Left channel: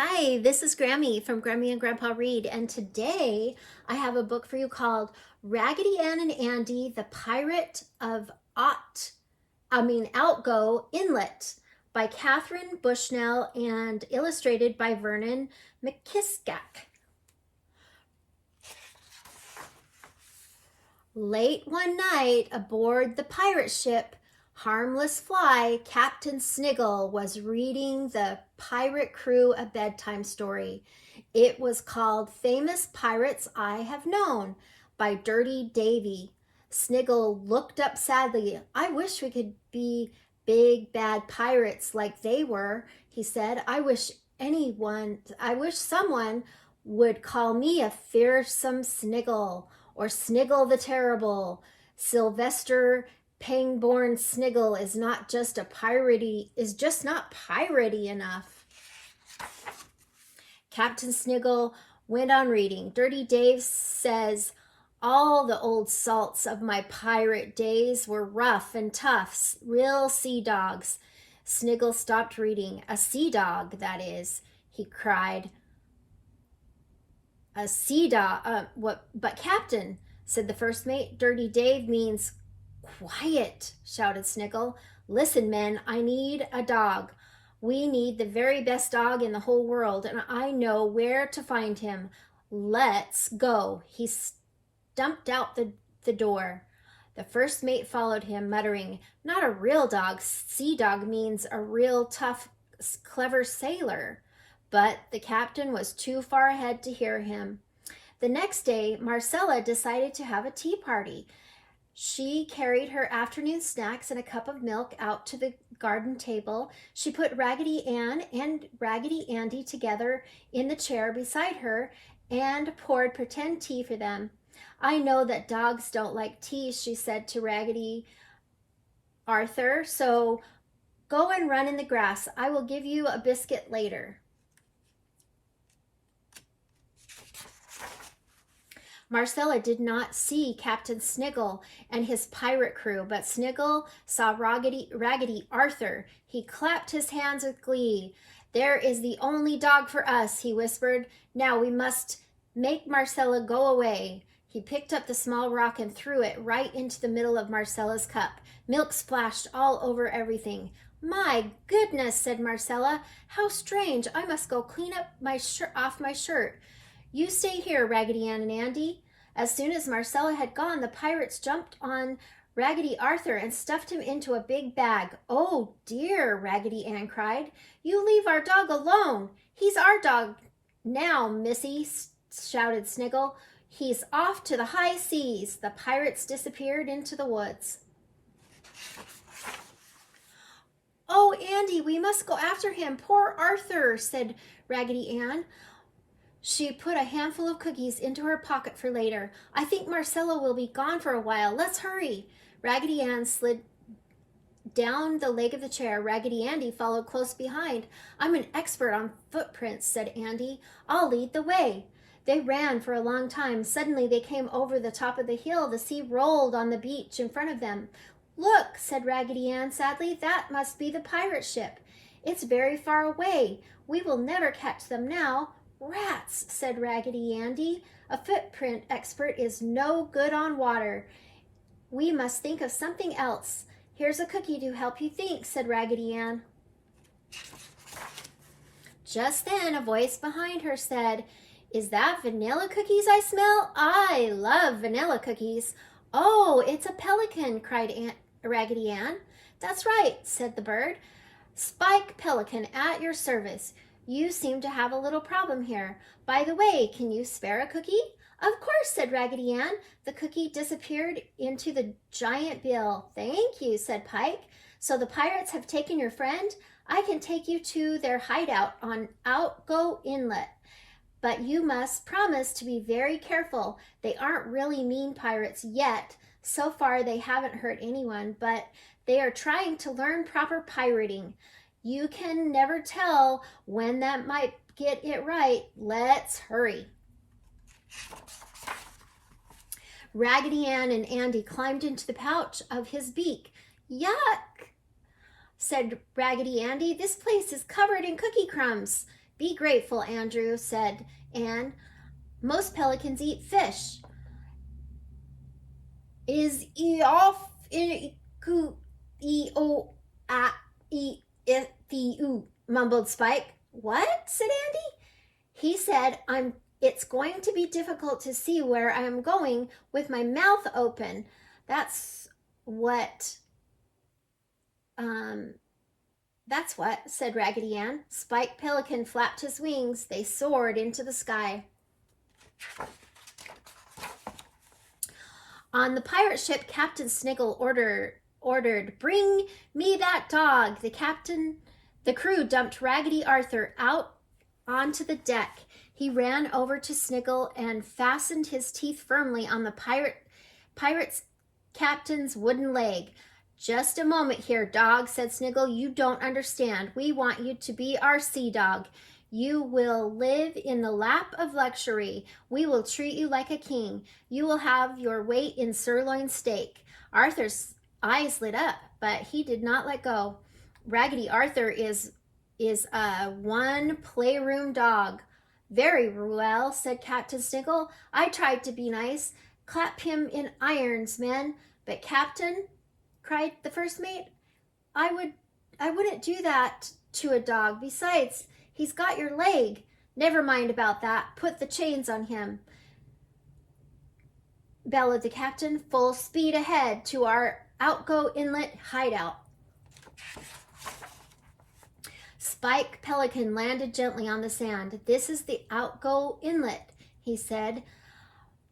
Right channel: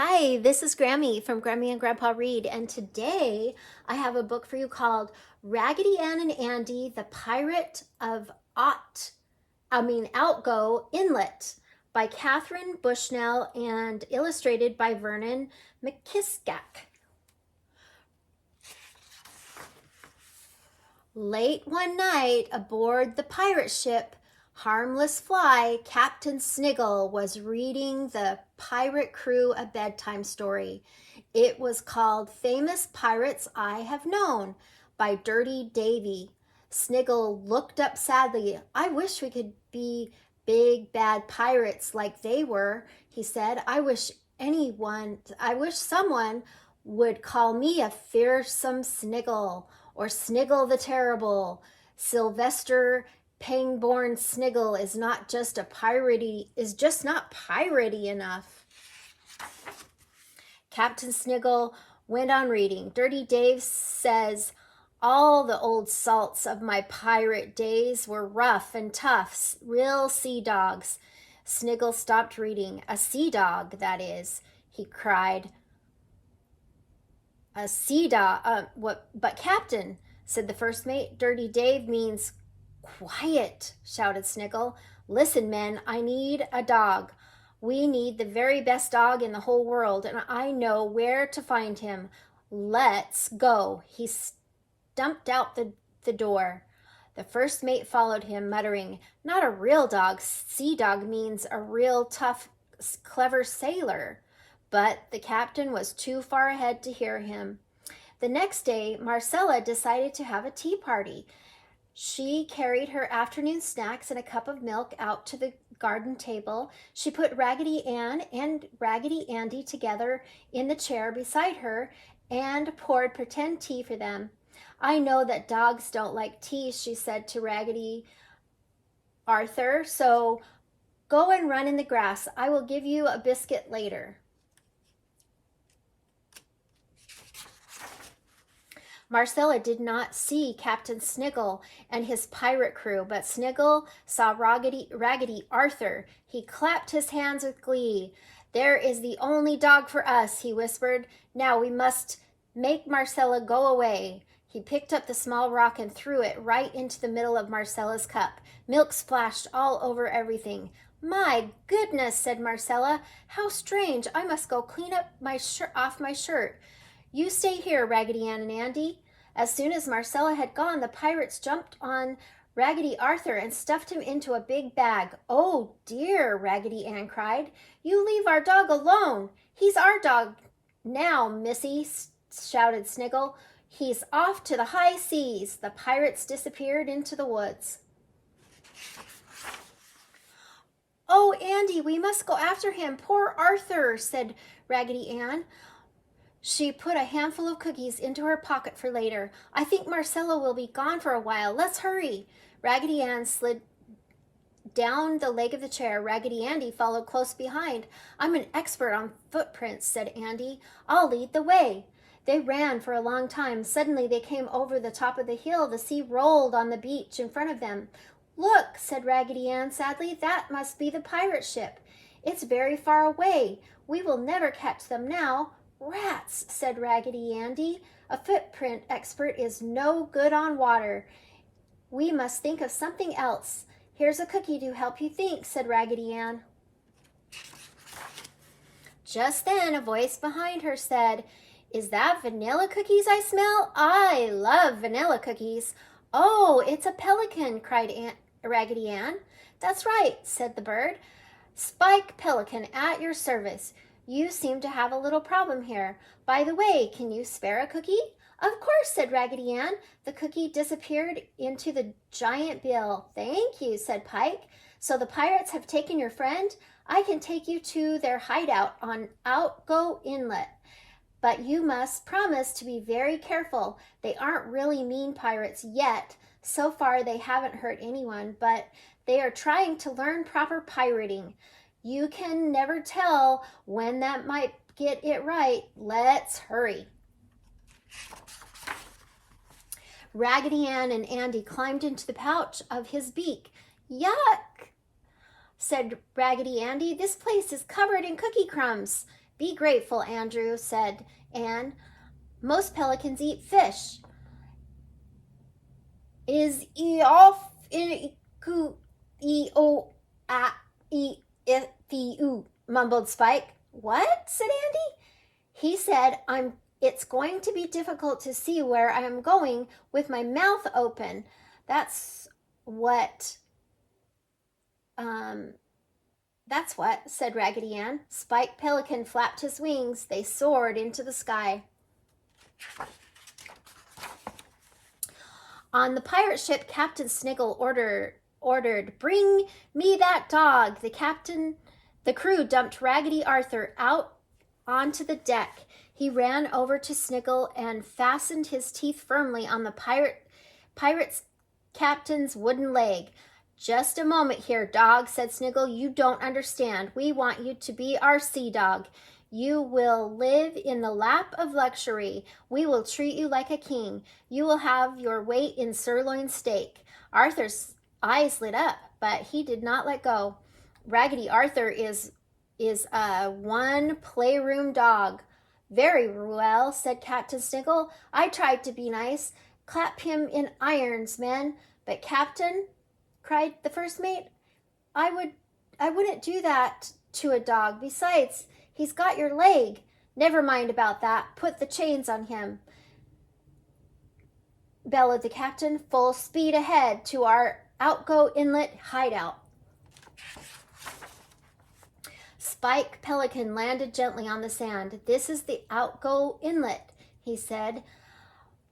Hi, this is Grammy from Grammy and Grandpa Read, and today I have a book for you called Raggedy Ann and Andy, the Pirate of Outgo Inlet by Catharine Bushnell and illustrated by Vernon McKissack. Late one night aboard the pirate ship Harmless Fly, Captain Sniggle was reading the pirate crew a bedtime story. It was called Famous Pirates I Have Known by Dirty Davy. Sniggle looked up sadly. I wish we could be big bad pirates like they were, he said. I wish someone would call me a fearsome Sniggle or Sniggle the Terrible. Sylvester Pangborn Sniggle is not piratey enough. Captain Sniggle went on reading. Dirty Dave says, all the old salts of my pirate days were rough and tough, real sea dogs. Sniggle stopped reading. A sea dog, that is, he cried. A sea dog, but Captain, said the first mate, Dirty Dave means quiet, shouted Sniggle. Listen, men, I need a dog. We need the very best dog in the whole world, and I know where to find him. Let's go. He stumped out the door. The first mate followed him, muttering, not a real dog. Sea dog means a real tough, clever sailor. But the captain was too far ahead to hear him. The next day, Marcella decided to have a tea party. She carried her afternoon snacks and a cup of milk out to the garden table. She put Raggedy Ann and Raggedy Andy together in the chair beside her and poured pretend tea for them. I know that dogs don't like tea, she said to Raggedy Arthur, so go and run in the grass. I will give you a biscuit later. Marcella did not see Captain Sniggle and his pirate crew, but Sniggle saw Raggedy Arthur. He clapped his hands with glee. There is the only dog for us, he whispered. Now we must make Marcella go away. He picked up the small rock and threw it right into the middle of Marcella's cup. Milk splashed all over everything. My goodness, said Marcella. How strange. I must go clean up off my shirt. You stay here, Raggedy Ann and Andy. As soon as Marcella had gone, the pirates jumped on Raggedy Arthur and stuffed him into a big bag. Oh dear, Raggedy Ann cried. You leave our dog alone. He's our dog now, Missy, shouted Sniggle. He's off to the high seas. The pirates disappeared into the woods. Oh, Andy, we must go after him. Poor Arthur, said Raggedy Ann. She put a handful of cookies into her pocket for later. I think Marcella will be gone for a while. Let's hurry. Raggedy Ann slid down the leg of the chair. Raggedy Andy followed close behind. I'm an expert on footprints, said Andy. I'll lead the way. They ran for a long time. Suddenly they came over the top of the hill. The sea rolled on the beach in front of them. Look, said Raggedy Ann sadly, that must be the pirate ship. It's very far away. We will never catch them now. Rats, said Raggedy Andy. A footprint expert is no good on water. We must think of something else. Here's a cookie to help you think, said Raggedy Ann. Just then a voice behind her said, Is that vanilla cookies I smell? I love vanilla cookies. Oh, it's a pelican, cried Raggedy Ann. That's right, said the bird. Spike Pelican at your service. You seem to have a little problem here. By the way, can you spare a cookie? Of course, said Raggedy Ann. The cookie disappeared into the giant bill. Thank you, said Pike. So the pirates have taken your friend? I can take you to their hideout on Outgo Inlet. But you must promise to be very careful. They aren't really mean pirates yet. So far, they haven't hurt anyone, but they are trying to learn proper pirating. You can never tell when that might get it right. Let's hurry. Raggedy Ann and Andy climbed into the pouch of his beak. Yuck, said Raggedy Andy. This place is covered in cookie crumbs. Be grateful, Andrew, said Anne. Most pelicans eat fish. Is e off in ku e o a e f e u, mumbled Spike. What? Said Andy. He said, it's going to be difficult to see where I am going with my mouth open. That's what, said Raggedy Ann. Spike Pelican flapped his wings. They soared into the sky. On the pirate ship, Captain Sniggle ordered, "Bring me that dog." The crew dumped Raggedy Arthur out onto the deck. He ran over to Sniggle and fastened his teeth firmly on the pirate's captain's wooden leg. "Just a moment here, dog," said Sniggle. "You don't understand. We want you to be our sea dog. You will live in the lap of luxury. We will treat you like a king. You will have your weight in sirloin steak." Arthur's eyes lit up, but he did not let go. Raggedy Arthur is a one playroom dog. "Very well," said Captain Sniggle. "I tried to be nice. Clap him in irons, men." "But Captain," cried the first mate, I wouldn't do that to a dog. Besides, he's got your leg." "Never mind about that. Put the chains on him," bellowed the captain. "Full speed ahead to our Outgo Inlet hideout." Spike Pelican landed gently on the sand. "This is the Outgo Inlet," he said.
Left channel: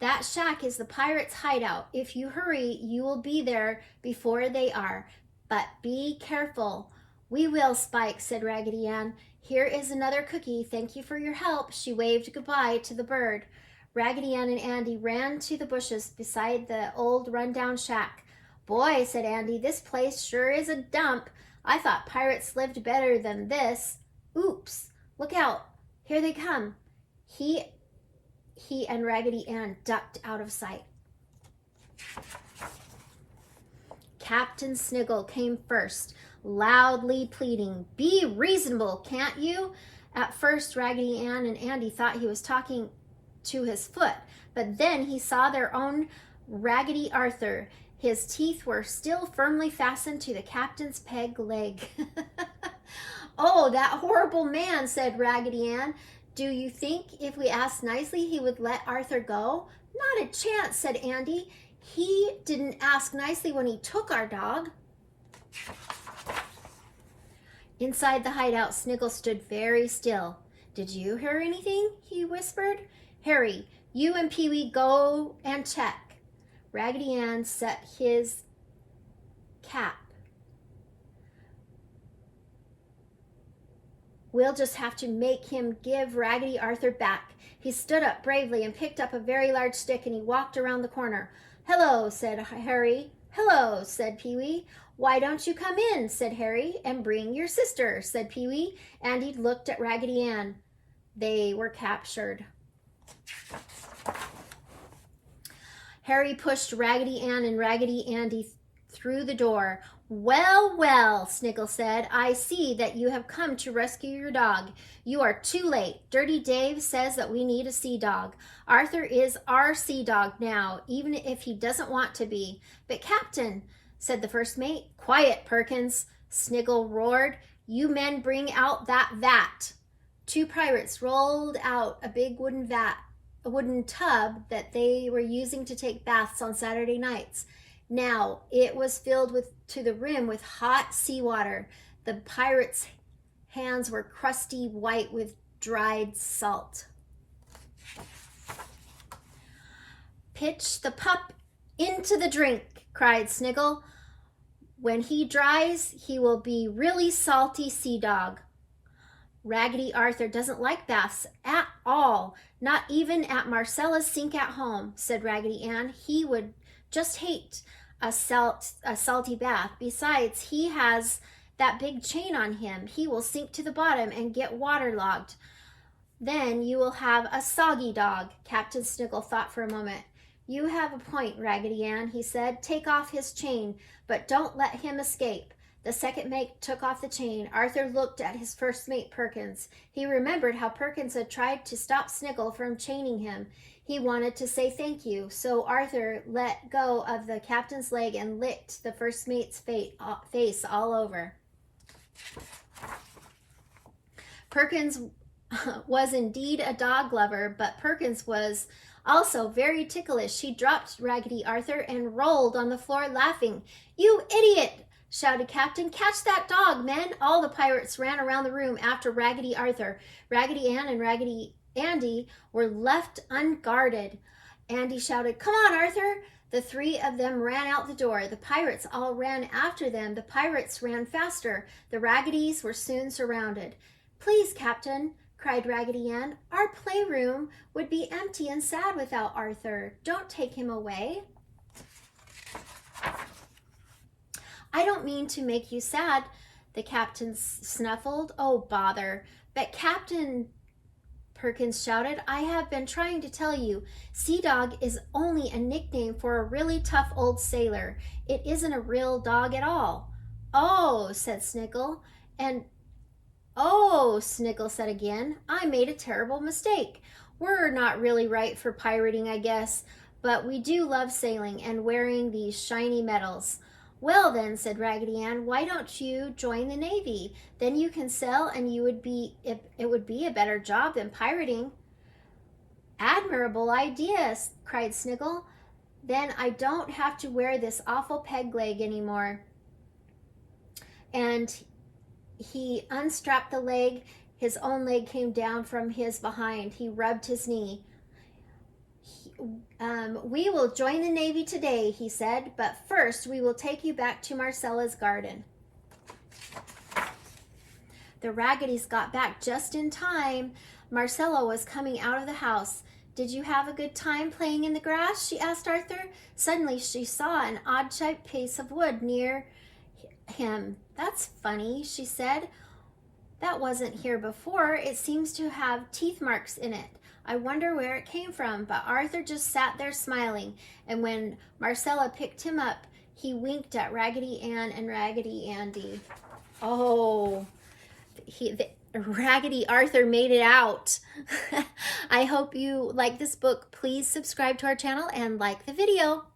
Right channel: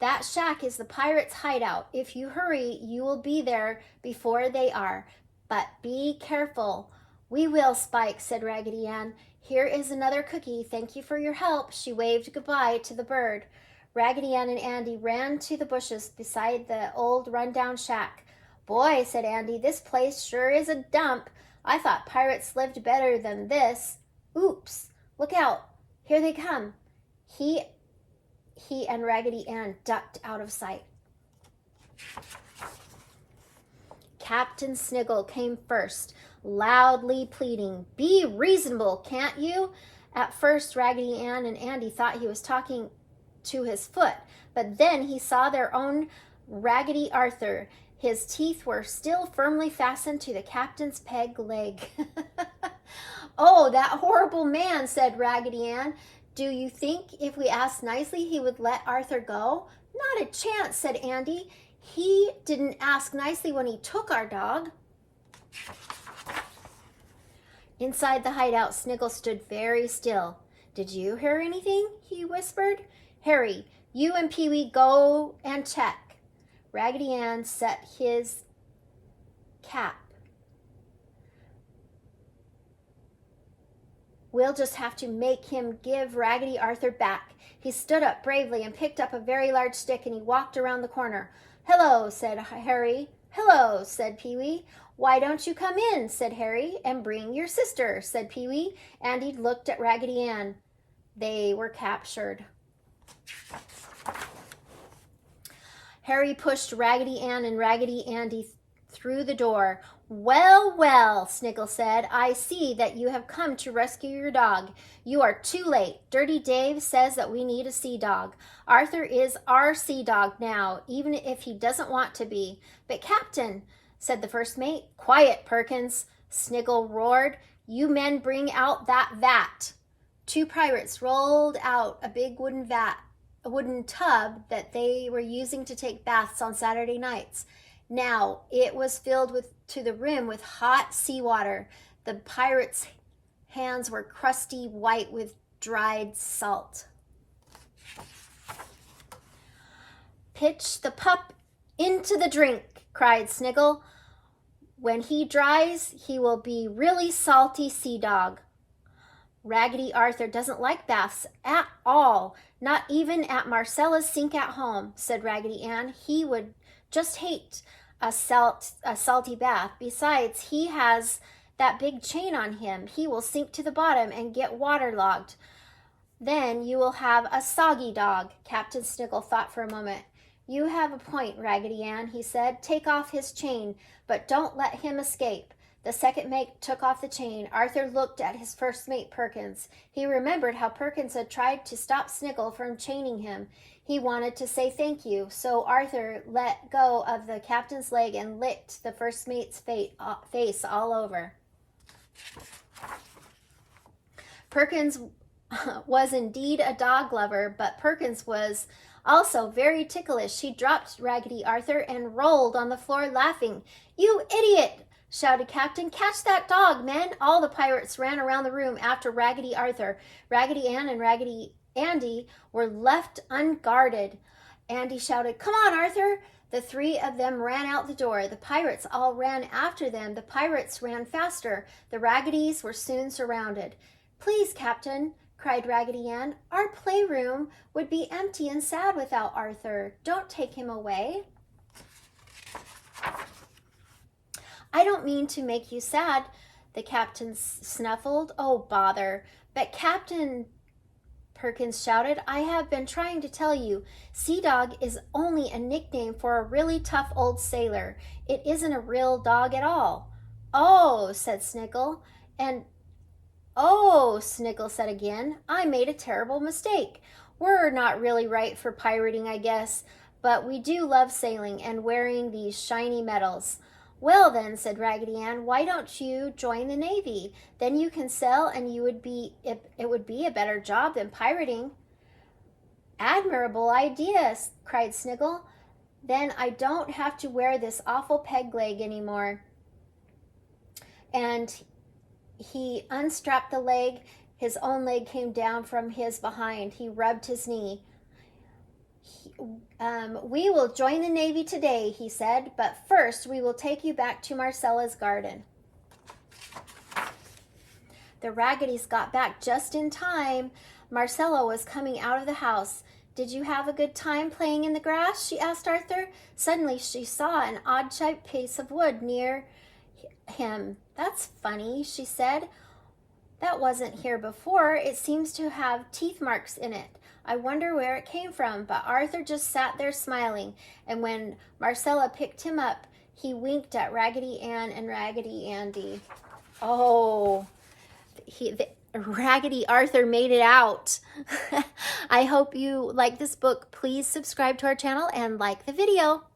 "That shack is the pirates' hideout. If you hurry, you will be there before they are. But be careful." "We will, Spike," said Raggedy Ann. "Here is another cookie. Thank you for your help." She waved goodbye to the bird. Raggedy Ann and Andy ran to the bushes beside the old rundown shack. "Boy," said Andy, "this place sure is a dump. I thought pirates lived better than this." "Oops! Look out! Here they come." He and Raggedy Ann ducked out of sight. Captain Sniggle came first, loudly pleading, "Be reasonable, can't you?" At first, Raggedy Ann and Andy thought he was talking to his foot, but then he saw their own Raggedy Arthur. His teeth were still firmly fastened to the captain's peg leg. "Oh, that horrible man," said Raggedy Ann. "Do you think if we asked nicely he would let Arthur go?" "Not a chance," said Andy. "He didn't ask nicely when he took our dog." Inside the hideout, Sniggle stood very still. "Did you hear anything?" he whispered. "Harry, you and Pee-wee go and check." Raggedy Ann set his cap. "We'll just have to make him give Raggedy Arthur back." He stood up bravely and picked up a very large stick, and he walked around the corner. "Hello," said Harry. "Hello," said Pee-wee. "Why don't you come in?" said Harry. "And bring your sister," said Pee-wee. Andy looked at Raggedy Ann. They were captured. Harry pushed Raggedy Ann and Raggedy Andy through the door. "Well, well," Sniggle said, "I see that you have come to rescue your dog. You are too late. Dirty Dave says that we need a sea dog. Arthur is our sea dog now, even if he doesn't want to be." "But Captain," said the first mate. "Quiet, Perkins," Sniggle roared. "You men bring out that vat." Two pirates rolled out a big wooden tub that they were using to take baths on Saturday nights. Now it was filled to the rim with hot seawater. The pirates' hands were crusty white with dried salt. "Pitch the pup into the drink," cried Sniggle. "When he dries, he will be really salty sea dog." "Raggedy Arthur doesn't like baths at all, not even at Marcella's sink at home," said Raggedy Ann. "He would just hate a salty bath. Besides, he has that big chain on him. He will sink to the bottom and get waterlogged. Then you will have a soggy dog." Captain Sniggle thought for a moment. "You have a point, Raggedy Ann," he said. "Take off his chain, but don't let him escape. The second mate took off the chain. Arthur looked at his first mate, Perkins. He remembered how Perkins had tried to stop Sniggle from chaining him. He wanted to say thank you, so Arthur let go of the captain's leg and licked the first mate's face all over. Perkins was indeed a dog lover, but Perkins was also very ticklish. He dropped Raggedy Arthur and rolled on the floor laughing. "You idiot!" shouted Captain. "Catch that dog, men!" All the pirates ran around the room after Raggedy Arthur. Raggedy Ann and Raggedy Andy were left unguarded. Andy shouted, "Come on, Arthur!" The three of them ran out the door. The pirates all ran after them. The pirates ran faster. The Raggedies were soon surrounded. "Please, Captain," cried Raggedy Ann, "our playroom would be empty and sad without Arthur. Don't take him away." "I don't mean to make you sad," the captain snuffled. "Oh, bother." "But Captain," Perkins shouted, "I have been trying to tell you. Sea Dog is only a nickname for a really tough old sailor. It isn't a real dog at all." "Oh," said Sniggle. "Oh," Sniggle said again, "I made a terrible mistake. We're not really right for pirating, I guess, but we do love sailing and wearing these shiny medals." "Well then," said Raggedy Ann, "why don't you join the Navy? Then you can sail and it would be a better job than pirating." "Admirable idea," cried Sniggle. "Then I don't have to wear this awful peg leg anymore." And he unstrapped the leg. His own leg came down from his behind. He rubbed his knee. "We will join the Navy today," he said, "but first we will take you back to Marcella's garden." The Raggedies got back just in time. Marcella was coming out of the house. "Did you have a good time playing in the grass?" she asked Arthur. Suddenly she saw an odd-shaped piece of wood near him. "That's funny," she said. "That wasn't here before. It seems to have teeth marks in it. I wonder where it came from." But Arthur just sat there smiling, and when Marcella picked him up, he winked at Raggedy Ann and Raggedy Andy. Oh, Raggedy Arthur made it out. I hope you like this book. Please subscribe to our channel and like the video.